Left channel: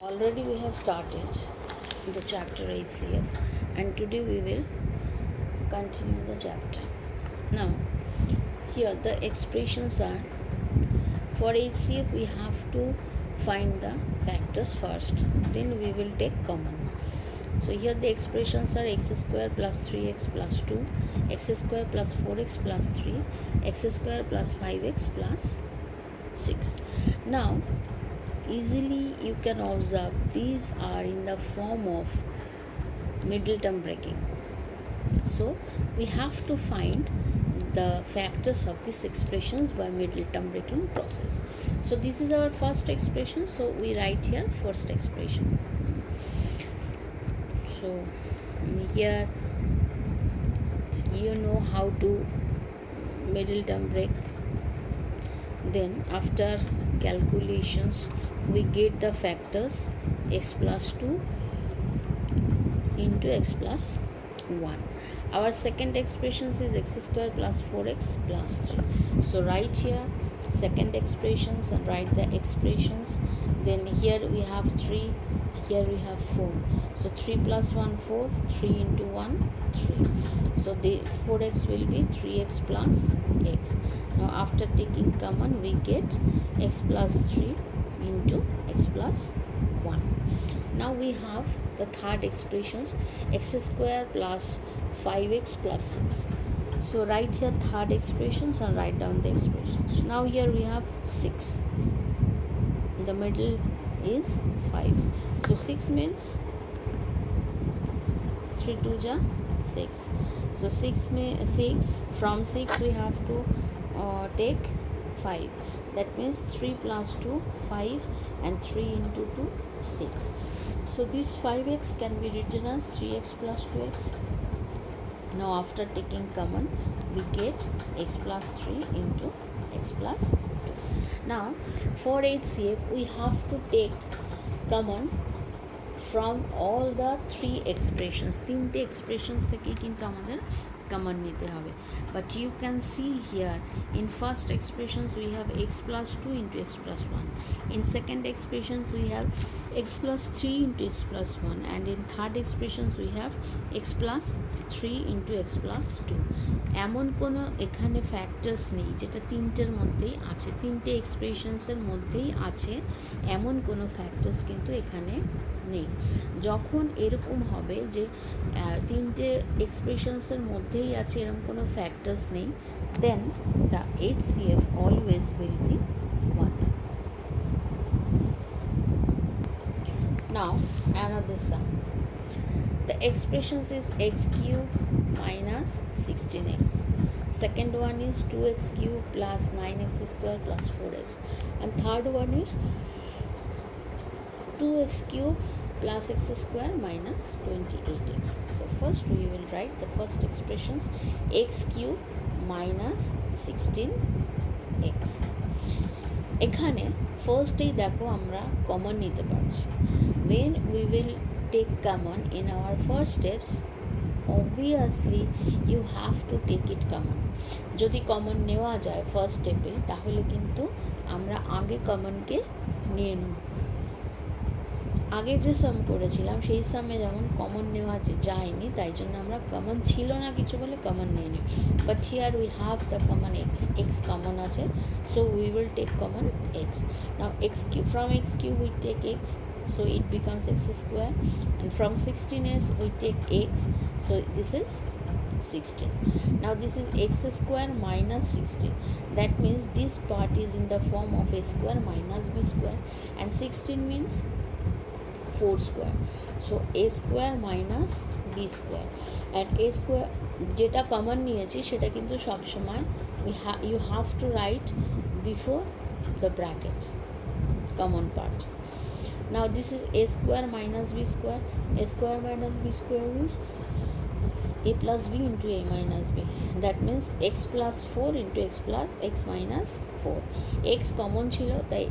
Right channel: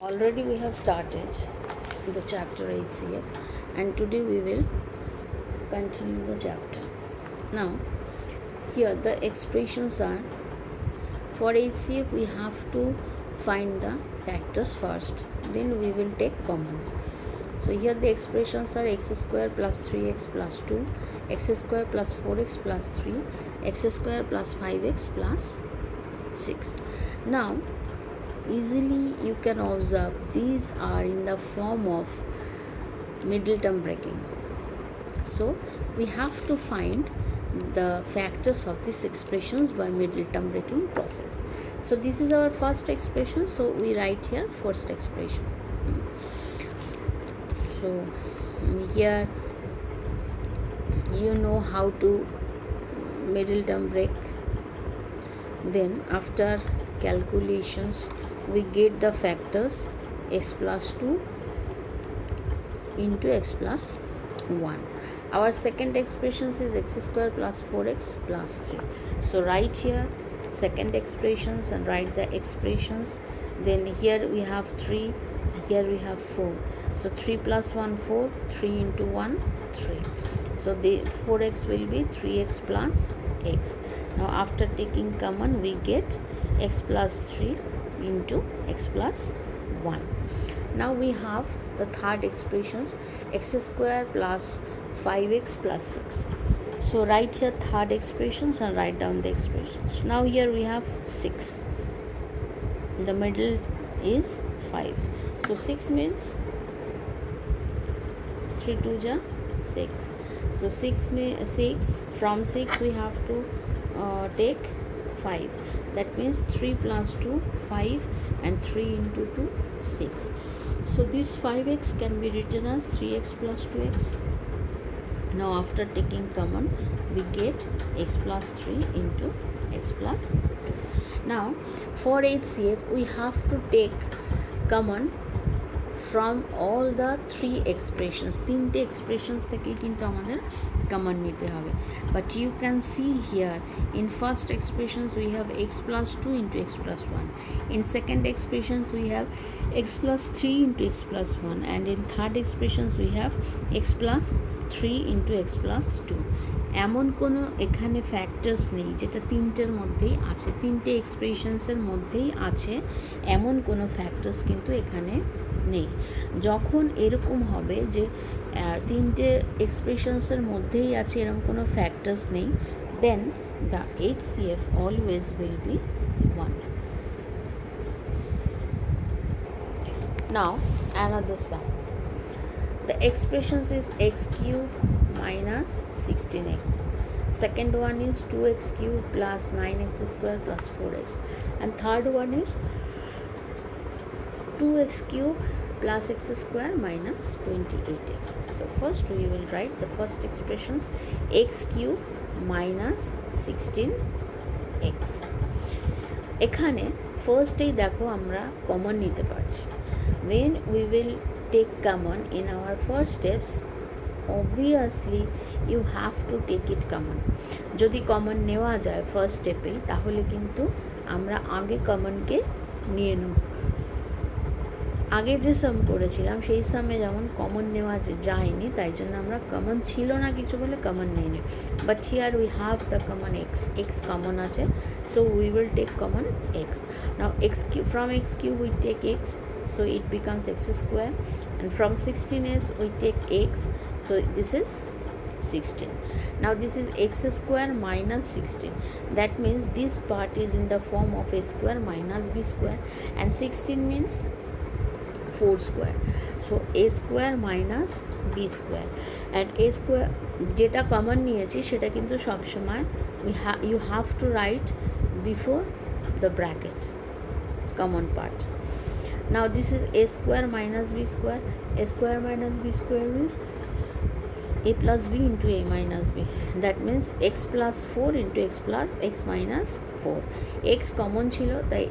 Already we have started the chapter HCF, and today we will continue the chapter. Now here the expressions are, for HCF we have to find the factors first, then we will take common. So here the expressions are x square plus 3x plus 2, x square plus 4x plus 3, x square plus 5x plus 6. Now easily you can observe these are in the form of middle term breaking. So we have to find the factors of these expressions by middle term breaking process. So this is our first expression, so we write here first expression. So here you know how to middle term break. Then after calculations we get the factors x plus 2 into x plus 1. Our second expression is x square plus 4x plus 3. So write here second expressions and write the expressions. Then here we have 3, here we have 4. So 3 plus 1 4, 3 into 1 3. So the 4x will be 3x plus x. Now after taking common we get x plus 3 into x plus 1. Now we have the third expressions, x square plus 5x plus 6. So write here third expressions and write down the expressions. Now here we have 6. The middle is 5. So 6 means 3 2 ja 6. So 6 from 6 we have to take 5. That means 3 plus 2 5 and 3 into 2 6. So this 5x can be written as 3x plus 2x. Now after taking common we get x plus 3 into x plus 2. Now for HCF we have to take common from all the three expressions. তিনটে expressions থেকে কিন্তু আমাদের common নিতে হবে. But you can see here in first expressions we have x plus 2 into x plus 1. In second expressions we have x plus 3 into x plus 1, and in third expressions we have x plus 3 into x plus 2. এমন কোনো এখানে factors নেই যেটা তিনটের মধ্যেই আছে, তিনটে এক্সপ্রেশনসের মধ্যেই আছে এমন কোনো ফ্যাক্টরস কিন্তু এখানে নেই। যখন এরকম হবে যে তিনটে এক্সপ্রেশনসের মধ্যেই আছে এরকম কোনো ফ্যাক্টরস নেই, then the HCF always will be 1. Now another sum. The expressions is x cube minus 16x. Second one is 2x cube plus 9x square plus 4x. And third one is 2x cube plus x square minus 28x. So first we will write the first expressions, x cube minus 16x. এখানে ফার্স্টেই দেখো আমরা common নিতে পারছি। when we will take common in our first steps, obviously you have to take it common. যদি common নেওয়া যায় first স্টেপে তাহলে কিন্তু আমরা আগে কমনকে নিয়ে নেব। আগে যে সাম করেছিলাম সেই সামে যেমন কমন নেওয়া যায়নি, তাই জন্য আমরা কমন ছিল না কিছু বলে কমন নিয়ে নিই। But here we have the common x common আছে, so we will take common x. Now x cube, from x cube we take x, so it becomes x square, and from 16s we take x, so this is 16. Now this is x square minus 16. That means this part is in the form of a square minus b square, and 16 means 4 square. So a square minus b square, and a square যেটা common নিয়েছি সেটা কিন্তু সবসময় you have to write before the bracket common part. Now this is a square minus b square. A square minus b square is a plus b into a minus b. That means x plus 4 into x plus x minus 4. X common ছিল, তাই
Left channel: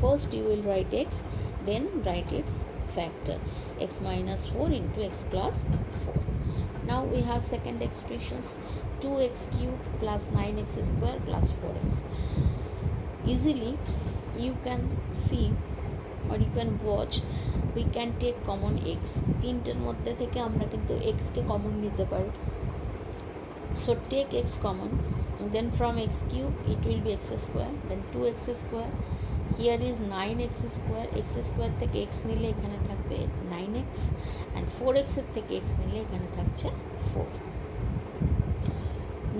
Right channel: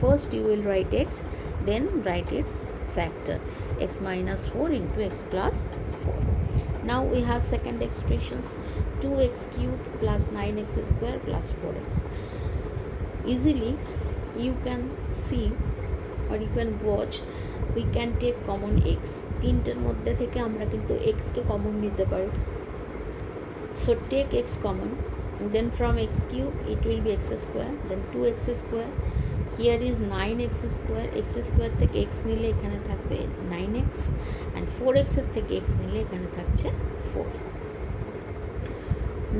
first you will write x, then write its factor, x minus 4 into x plus 4. Now we have second expressions, 2x cube plus 9x square plus 4x. Easily you can see or you can watch, we can take common x. তিনটের মধ্যে থেকে আমরা কিন্তু x কে common নিতে পারি. So take x common, then from x cube it will be x square, then 2x square. Here is 9x square, x square থেকে x নিলে এখানে থাকবে 9x, and 4x এর থেকে x নিলে এখানে থাকছে 4.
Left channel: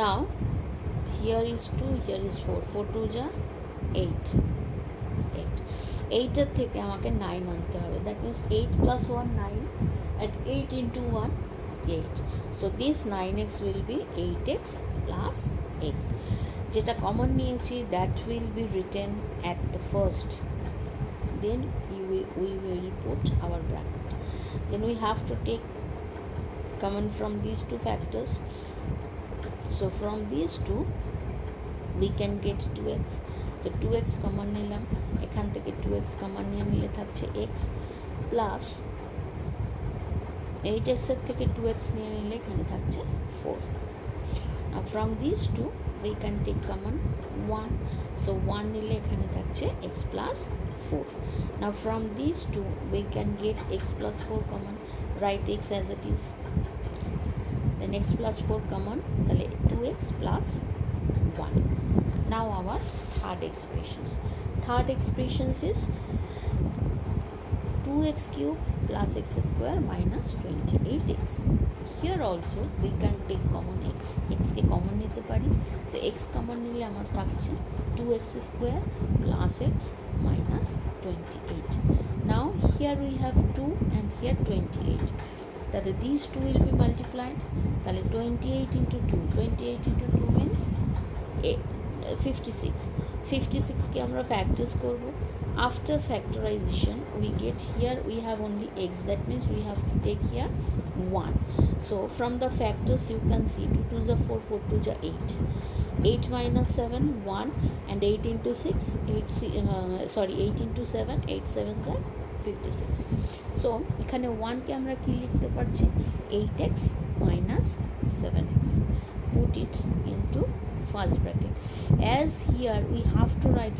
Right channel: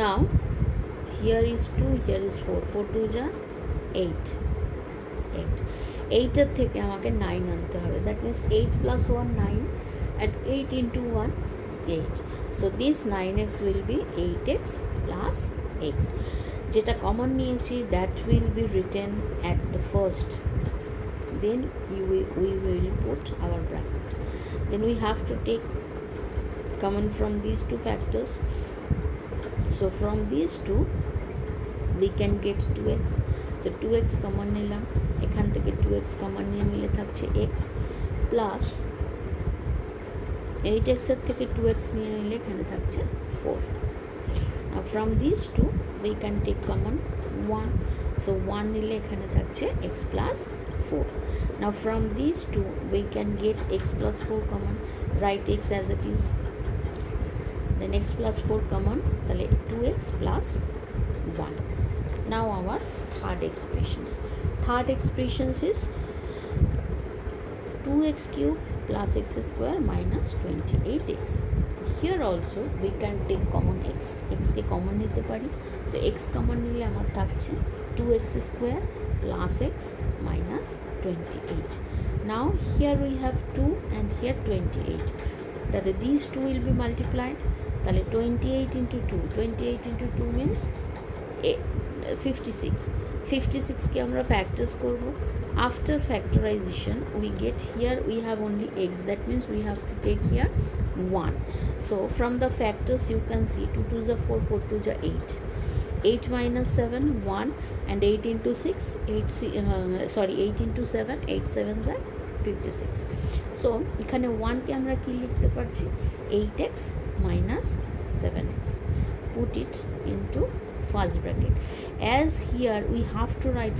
Now here is 2, here is 4, 4 2 যা 8, 8 এর থেকে আমাকে 9 আনতে হবে. That means 8 plus 1 9, and 8 into 1 8. So this 9x will be 8x plus x. যেটা কমন নিয়েছি that will be written at the first, then we will put our bracket. Then we have to take common from these two factors. So from these two we can get 2x. তো 2x common নিলাম, এখান থেকে 2x common নিয়ে নিলে থাকছে x plus 8x এর থেকে 2x নিয়ে নিলে এখানে থাকছে 4. Now from these two we can take common 1. So 1 নিলে এখানে থাকছে x plus 4. Now from these two we can get x plus 4 common. Write x as it is. Then x plus 4 common, তাহলে 2x plus 1. Now our third expressions is 2x cube plus x square minus 28x. Here also we can take common x K common নিতে পারি. তো x common নিলে আমার থাকছে 2x square plus x minus 28. Now here we have 2 and here 28. তাহলে these two will be multiplied. তাহলে 28 into 2 means 56. 56 কে আমরা factors করব. After factorization we get, here we have only x, that means we have to take here 1. So from the factors you can see 2 2 is 4, 4 2 is 8, 8 minus 7 1, and 8 into 6 8 into 7 8 7 is 56. So এখানে 1 কে আমরা কি লিখতে পারছি, 8x minus 7x. Put it into first bracket. As here we have to write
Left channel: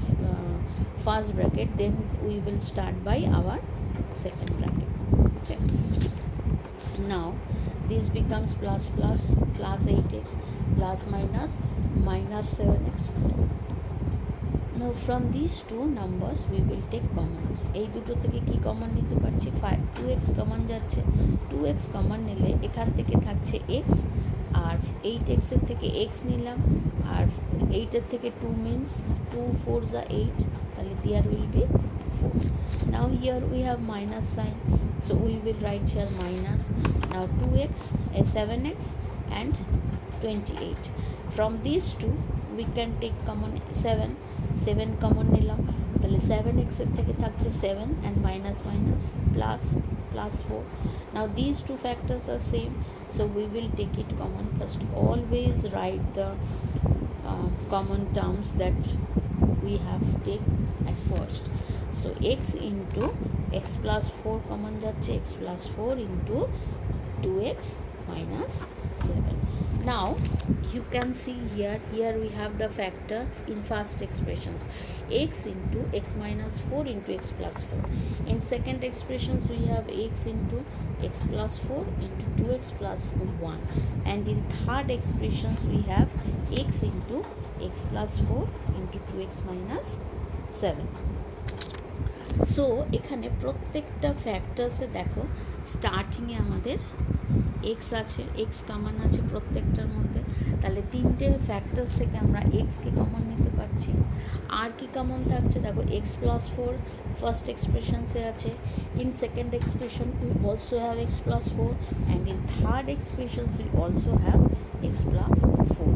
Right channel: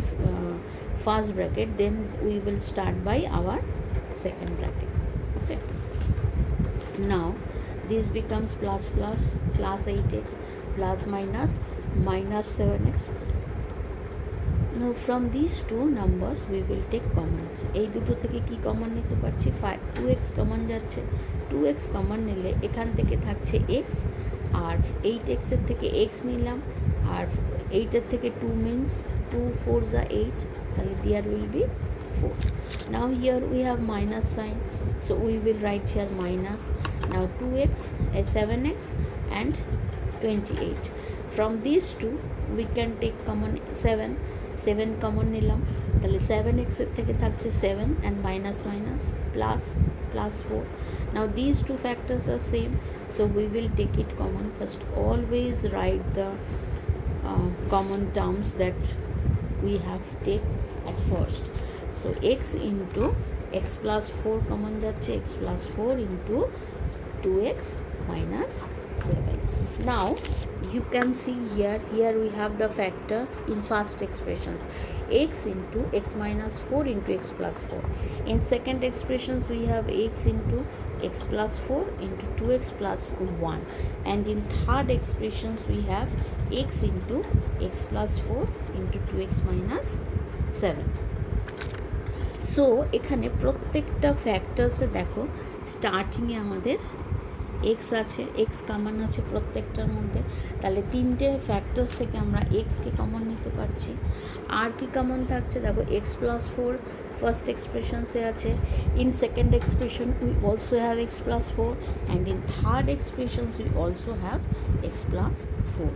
first bracket, then we will start by our second bracket. Okay, now this becomes plus 8x plus minus 7x. Now from these two numbers we will take common. এই দুটো থেকে কি common নিতে পারছি, 2x common যাচ্ছে. 2x common নিলে এখান থেকে থাকছে x, আর 8x এর থেকে x নিলাম, আর 8 এর থেকে 2 means 2 4 is 8, তাহলে there will be 4. Now here we have minus sign, so we will write here minus. Now 2x 7x and 28. From these two we can take common 7 common নিলাম, তাহলে 7x এর থেকে থাকছে 7 and minus plus 4. Now these two factors are same, so we will take it common. First always write the common terms that we have take at first. So x into x plus 4 common যাচ্ছে, x plus 4 into 2x minus 7. Now you can see here we have the factor in first expressions, x into x minus 4 into x plus 4. In second expressions we have x into x plus 4 into 2x plus 1, and in third expressions we have x into x plus 4 into 2x minus 7. So এখানে প্রত্যেকটা ফ্যাক্টরসে দেখো স্টার্টিংয়ে আমাদের x আছে, x common আছে প্রত্যেকটার মধ্যে, তাহলে তিনটে ফ্যাক্টরস থেকে আমরা x কে কমন নিতে পারছি. আর কি কমন থাকছে দেখো, x plus 4 ফার্স্ট এক্সপ্রেশনসে আছে, in second expression we also have x plus 4, and in third expressions we also have x plus 4.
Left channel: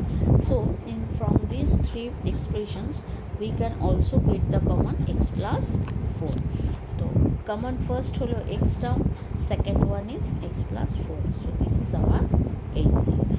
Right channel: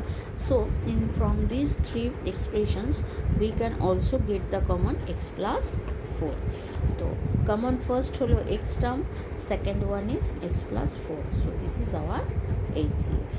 So in from these three expressions we can also get the common x plus 4. তো common first হলো x term, second one is x plus 4. So this is our HCF.